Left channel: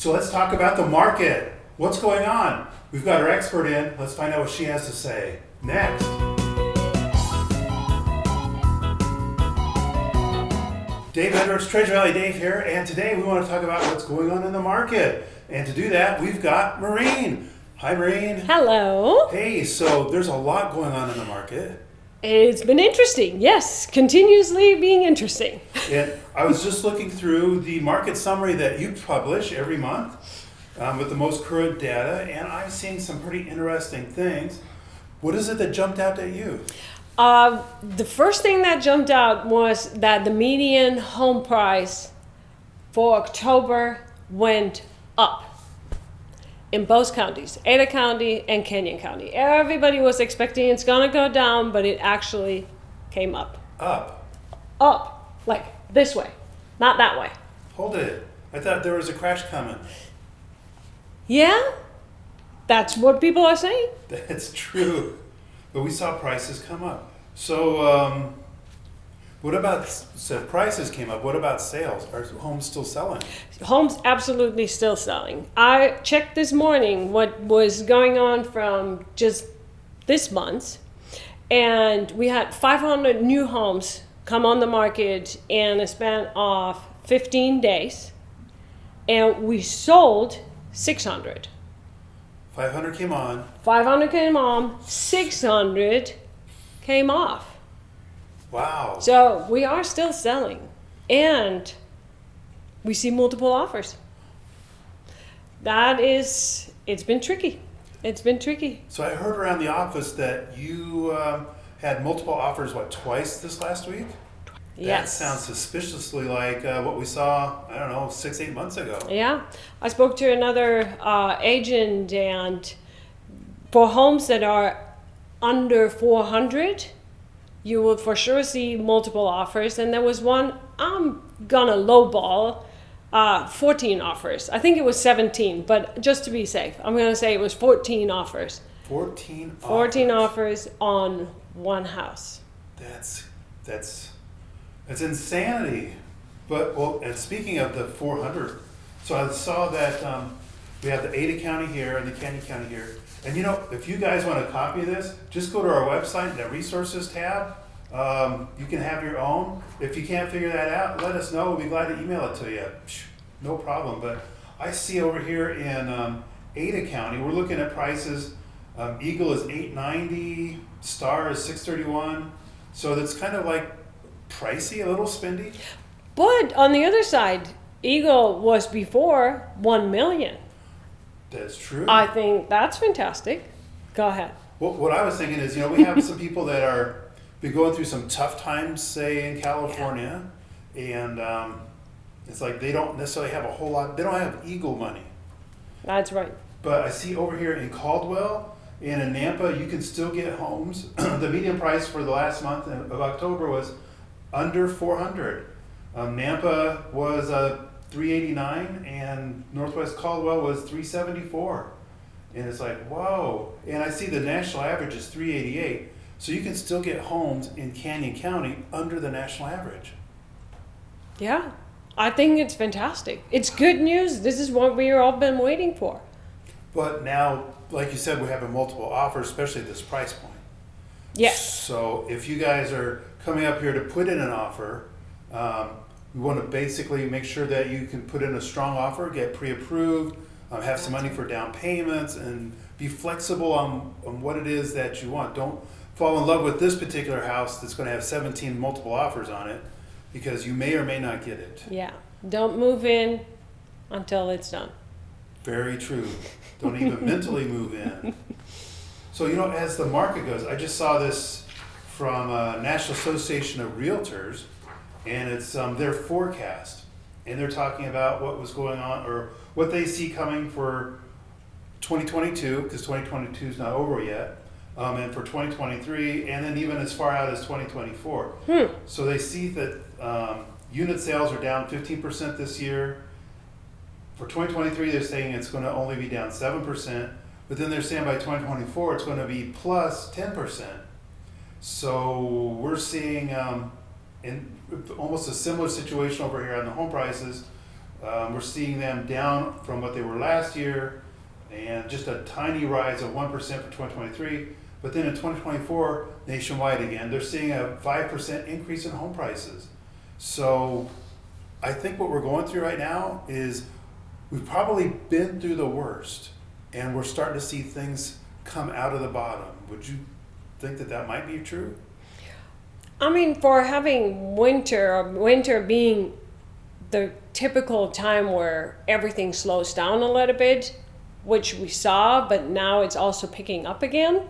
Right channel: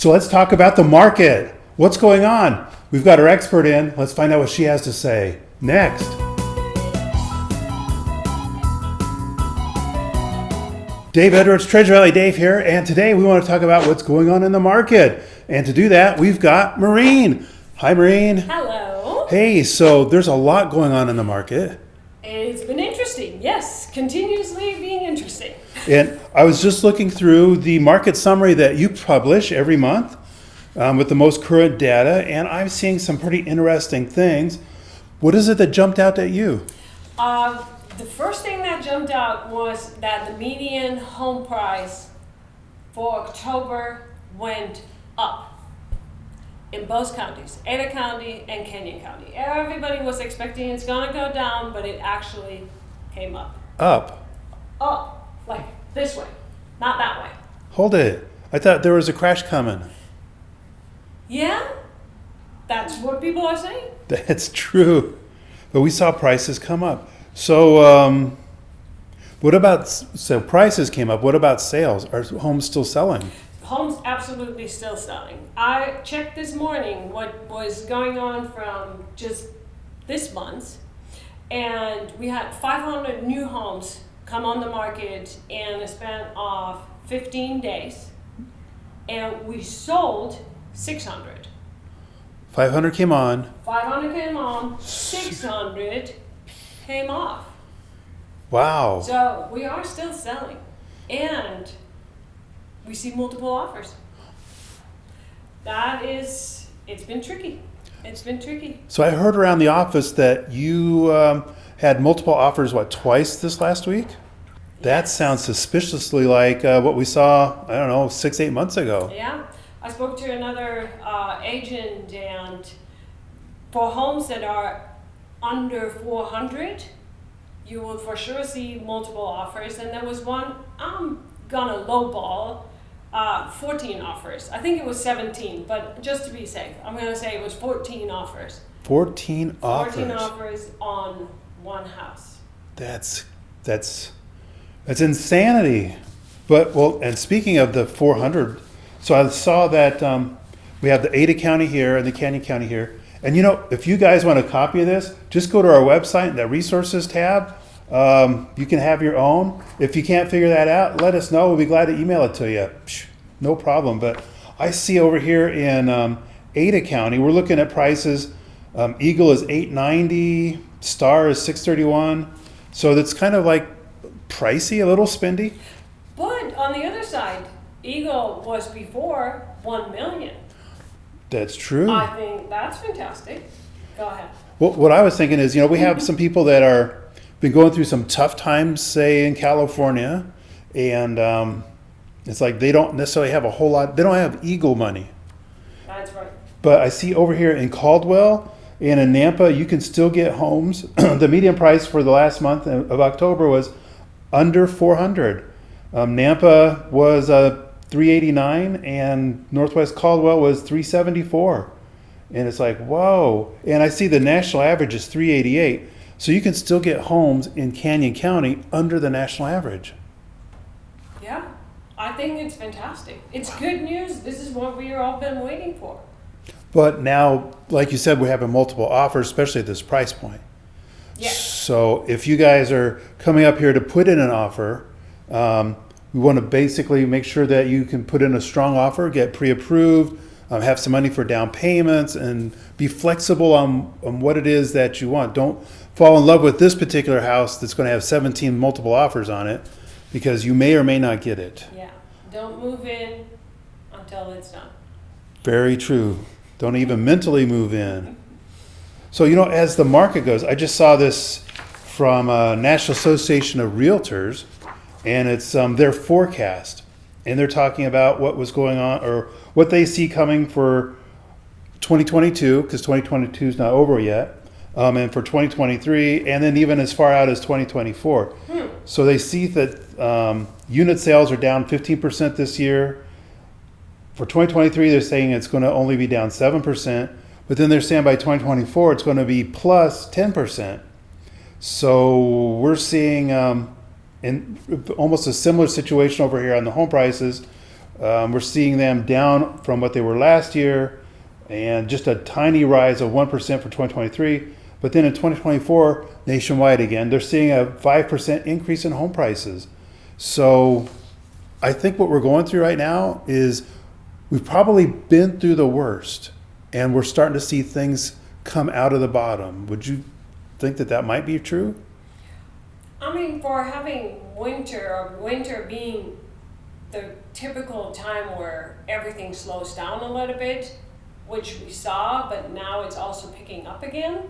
So let's talk about the market. What's going on? We've got our expert in. Let's find out what she has to say next. Dave Edwards, Treasure Valley Dave here, and today we want to talk about what's going on in the market. And to do that, we've got Maureen. Hi, Maureen. Hello. Hey, so there's a lot going on in the market. It's been interesting. Yes, continuously being interesting. And I was just looking through the market summary that you publish every month with the most current data, and I'm seeing some pretty interesting things. What is it that jumped out at you? The first thing that jumped out was that the median home price for October went up in both counties, Ada County and Canyon County. Everybody was expecting it's gonna go down, but it actually came up. Up? Up, like this way, not that way. Hold it. I thought there was a crash coming. Yeah, that's what people are saying. That's true. But we saw prices come up. So what about, so prices came up. What about sales? Are homes still selling? Homes absolutely still selling. I checked this morning what was going on from just this month, and we had 500 new homes come on the market in a span of 15 days, and we sold 600. 500 came on. 500 came on, 600 came off. Wow. So we are still selling, and we see multiple offers. It's been tricky. It's been tricky. So I heard around the office that you had multiple offers, twice this last week? That Yes. sounds suspiciously like what we saw, 6-8 months ago. Yeah. I spoke to another agent, and for homes that are under 400, you will for sure see multiple offers. And there was one, I'm gonna lowball, 14 offers. I think it was 17, but just to be safe, I'm gonna say it was 14 offers. 14 offers. 14 offers on one house. That's insanity. But, and speaking of the 400, so I saw that we have the Ada County here and the Canyon County here. And if you guys want a copy of this, just go to our website, that resources tab. You can have your own. If you can't figure that out, let us know. We'll be glad to email it to you. No problem. But I see over here in Ada County, we're looking at prices. Eagle is $890, Star is $631. So that's kind of like pricey, a little spendy. But on the other side, Eagle was before 1 million. That's true. I think that's fantastic. Go ahead. Well, what I was thinking is, we have some people that are been going through some tough times, say in California, and it's like they don't necessarily have a whole lot. They don't have Eagle money. That's right. But I see over here in Caldwell and in Nampa, you can still get homes. The median price for the last month of October was under 400. Nampa was 389, and Northwest Caldwell was 374. And it's like, whoa. And I see the national average is 388. So you can still get homes in Canyon County under the national average. Yeah, I think it's fantastic. It's good news. This is what we've all been waiting for. But now, like you said, we're having multiple offers, especially at this price point. Yeah. So if you guys are coming up here to put in an offer, we want to basically make sure that you can put in a strong offer, get pre-approved, have some money for down payments, and be flexible on what it is that you want. Don't fall in love with this particular house that's going to have 17 multiple offers on it, because you may or may not get it. Yeah. Don't move in until it's done. Very true. Don't even mentally move in. So, as the market goes, I just saw this from National Association of Realtors, and it's their forecast. And they're talking about what was going on, or what they see coming for 2022, because 2022 is not over yet, and for 2023, and then even as far out as 2024. So they see that unit sales are down 15% this year. For 2023, they're saying it's going to only be down 7%, but then they're saying by 2024, it's going to be plus 10%. So we're seeing in almost a similar situation over here on the home prices. We're seeing them down from what they were last year, and just a tiny rise of 1% for 2023. But then in 2024, nationwide again, they're seeing a 5% increase in home prices. So I think what we're going through right now is we've probably been through the worst, and we're starting to see things come out of the bottom. Would you think that that might be true? I mean, for having winter, or winter being the typical time where everything slows down a little bit, which we saw, but now it's also picking up again.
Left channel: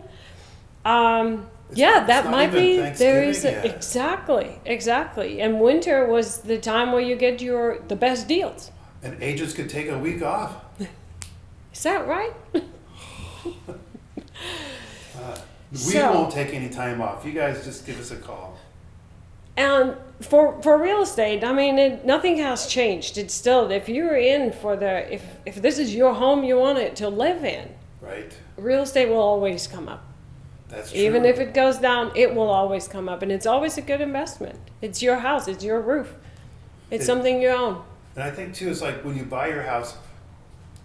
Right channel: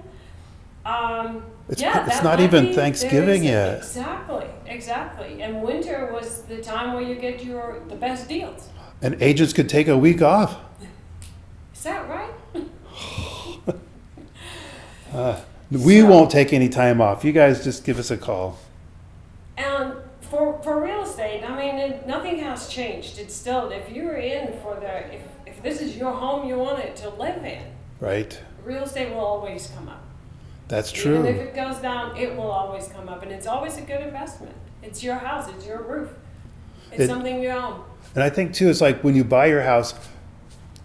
It's that not might even be, Thanksgiving yet. Exactly. And winter was the time where you get the best deals. And agents could take a week off. Is that right? We won't take any time off. You guys just give us a call. And for real estate, I mean, nothing has changed. It's still, if you're in for if this is your home you want it to live in, Right. real estate will always come up. That's true. Even if it goes down, it will always come up. And it's always a good investment. It's your house, it's your roof. It's something you own. And I think too, it's like when you buy your house,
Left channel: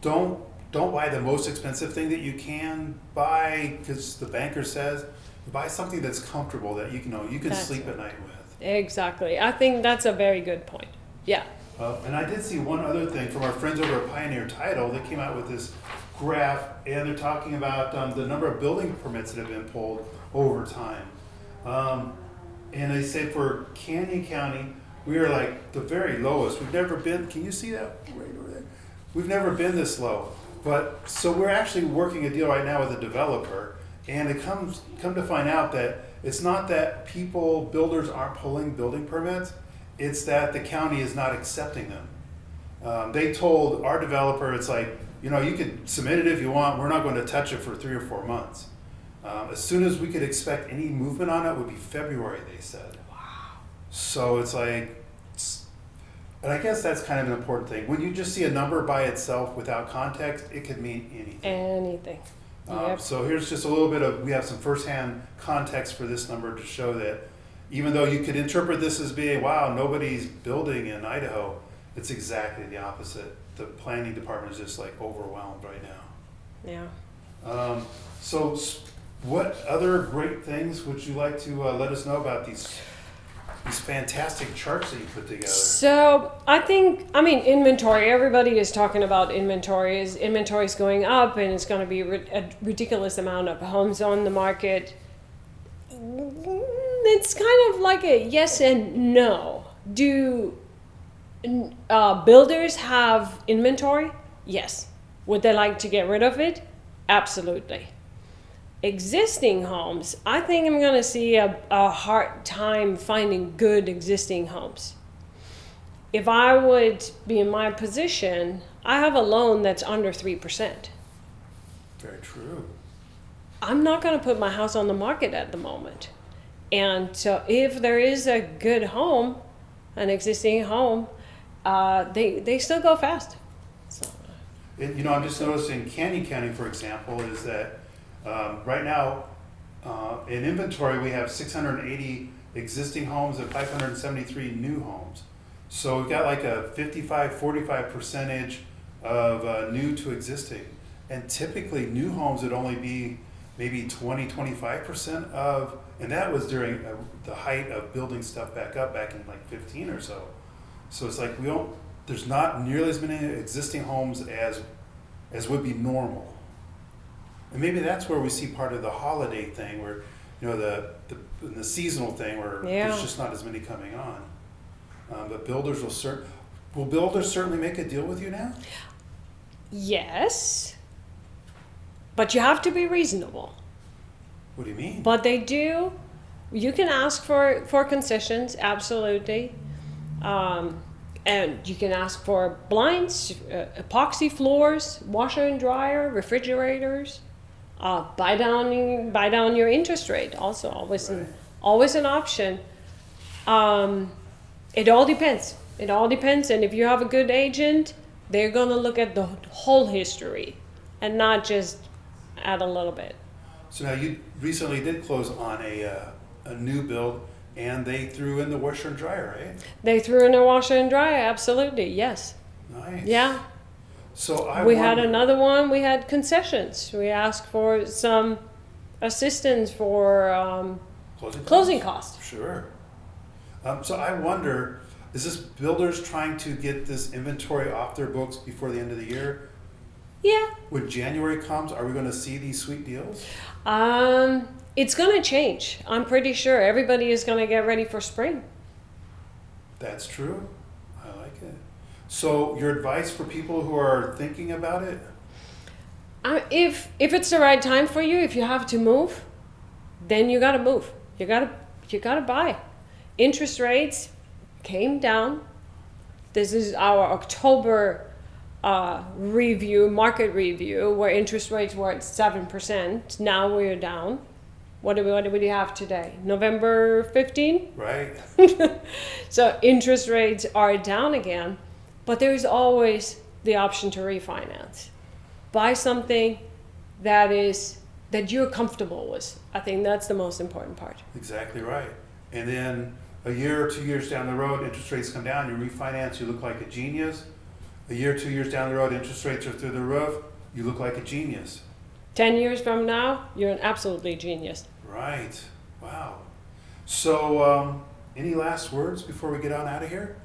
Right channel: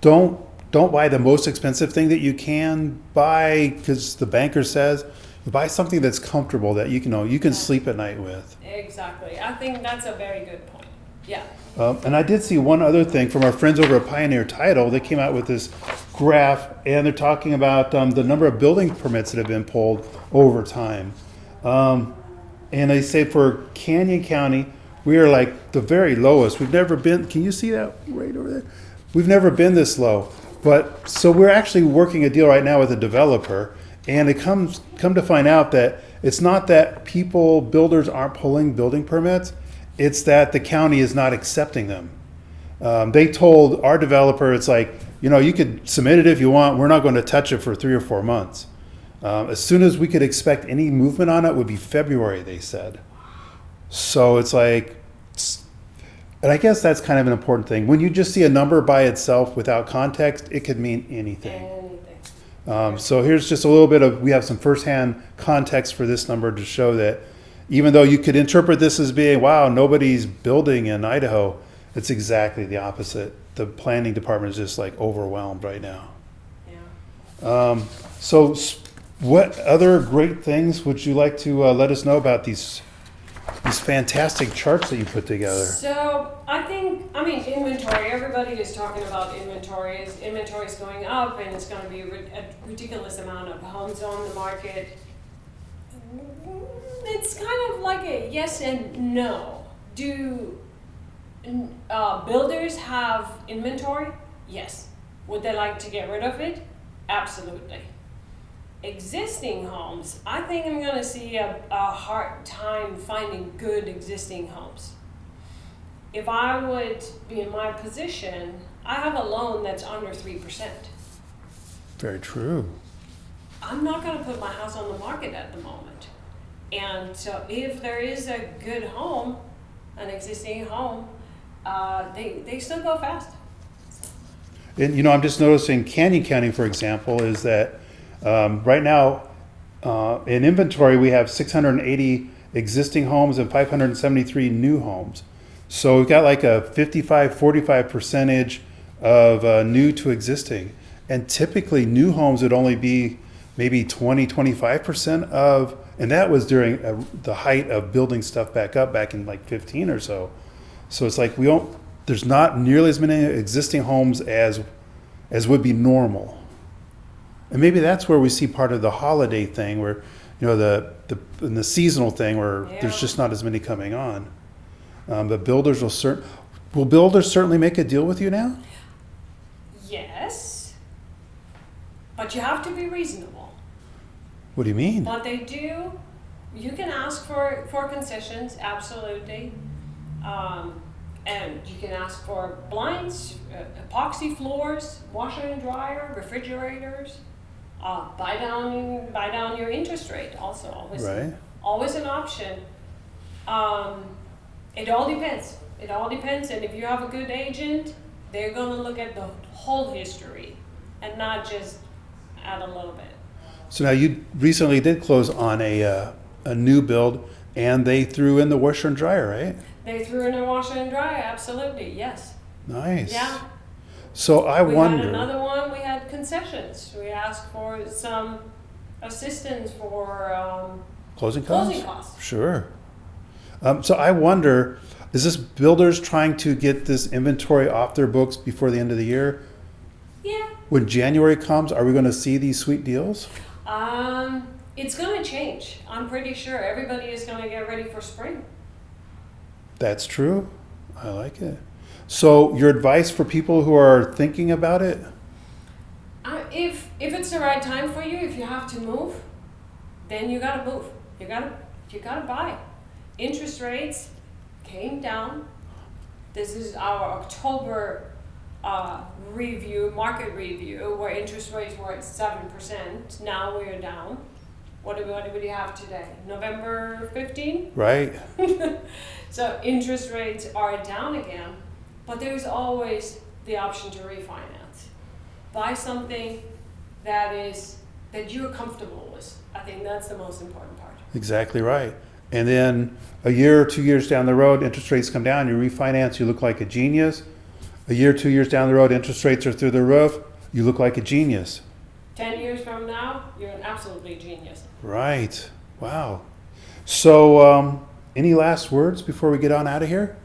don't buy the most expensive thing that you can buy, because the banker says, buy something that's comfortable that you can sleep at night with. Exactly. I think that's a very good point. Yeah. And I did see one other thing from our friends over at Pioneer Title. They came out with this graph, and they're talking about the number of building permits that have been pulled over time. And they say for Canyon County, we are like the very lowest. We've never been, can you see that right over there? We've never been this low. But so we're actually working a deal right now with a developer, and it come to find out that it's not that builders aren't pulling building permits, it's that the county is not accepting them. They told our developer, it's like, you could submit it if you want, we're not going to touch it for 3 or 4 months. As soon as we could expect any movement on it would be February, they said. So it's like, and I guess that's kind of an important thing. When you just see a number by itself without context, it could mean anything. So here's just a little bit we have some firsthand context for this number to show that even though you could interpret this as being, wow, nobody's building in Idaho, it's exactly the opposite. The planning department is just like overwhelmed right now. Yeah. So what other great things would you like to let us know about these fantastic charts that you put together? So inventory. Everybody is talking about inventory. Inventory is going up, and it's going to be a ridiculous amount of homes on the market. It's kind of like a yes and no. Do builders have inventory? Yes. Would they like to get rid of it? Absolutely. Existing homes, I think I'm going to see a hard time finding good existing homes. If I would be in my position, I have a loan that's under 3%. Very true. I'm not going to put my house on the market at the moment. And so if there is a good home, an existing home, they still go fast. So. And I'm just noticing Canyon County, for example, is that right now, in inventory, we have 680 existing homes and 573 new homes. So we've got like a 45 percentage of new to existing. And typically new homes would only be maybe 25% of, and that was during the height of building stuff back in like 15 or so. So it's like there's not nearly as many existing homes as would be normal. And maybe that's where we see part of the holiday thing, where the seasonal thing, where there's just not as many coming on. But builders will builders certainly make a deal with you now? Yes, but you have to be reasonable. What do you mean? But they do. You can ask for concessions, absolutely. And you can ask for blinds, epoxy floors, washer and dryer, refrigerators. Buy down your interest rate. Also, always an option. It all depends. And if you have a good agent, they're going to look at the whole history and not just add a little bit. So now you recently did close on a new build, and they threw in the washer and dryer, right? They threw in a washer and dryer, absolutely, yes. Nice. Yeah. So I We wonder. had another one, we had concessions. We asked for some assistance for Closing costs? closing costs. Sure. So I wonder, is this builders trying to get this inventory off their books before the end of the year? Yeah. When January comes, are we going to see these sweet deals? It's going to change. I'm pretty sure everybody is going to get ready for spring. That's true. I like it. So your advice for people who are thinking about it? If it's the right time for you, if you have to move, then you got to move. You got to buy. Interest rates came down. This is our October review, market review, where interest rates were at 7%. Now we're down. What do we have today? November 15? Right. So interest rates are down again, but there's always the option to refinance. Buy something that you're comfortable with. I think that's the most important part. Exactly right. And then a year or 2 years down the road, interest rates come down, you refinance, you look like a genius. A year, 2 years down the road, interest rates are through the roof, you look like a genius. 10 years from now, you're an absolutely genius. Right. Wow. So, any last words before we get on out of here?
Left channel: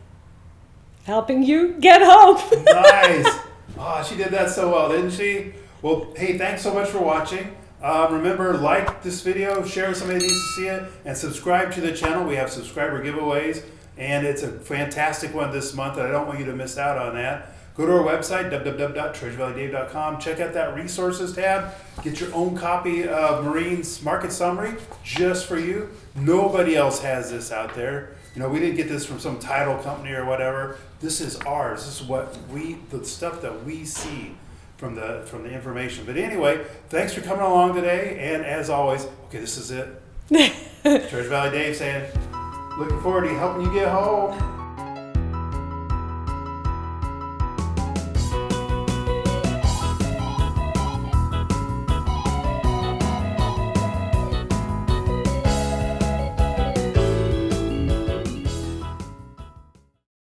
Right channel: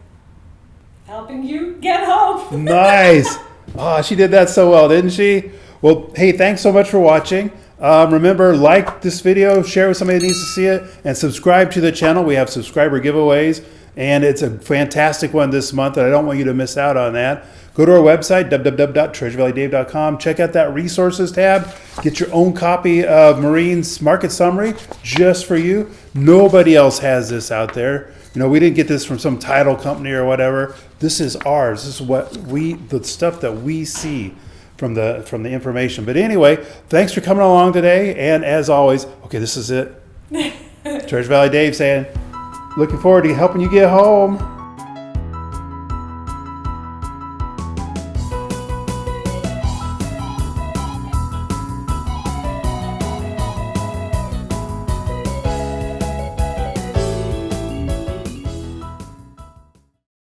Helping you get home. Nice. Oh, she did that so well, didn't she? Well, hey, thanks so much for watching. Remember, like this video, share with somebody that needs to see it, and subscribe to the channel. We have subscriber giveaways, and it's a fantastic one this month, and I don't want you to miss out on that. Go to our website, www.treasurevalleydave.com. Check out that resources tab. Get your own copy of Marine's Market Summary just for you. Nobody else has this out there. You know, we didn't get this from some title company or whatever. This is ours. This is the stuff that we see from the information. But anyway, thanks for coming along today. And as always, okay, this is it. Treasure Valley Dave saying, looking forward to helping you get home.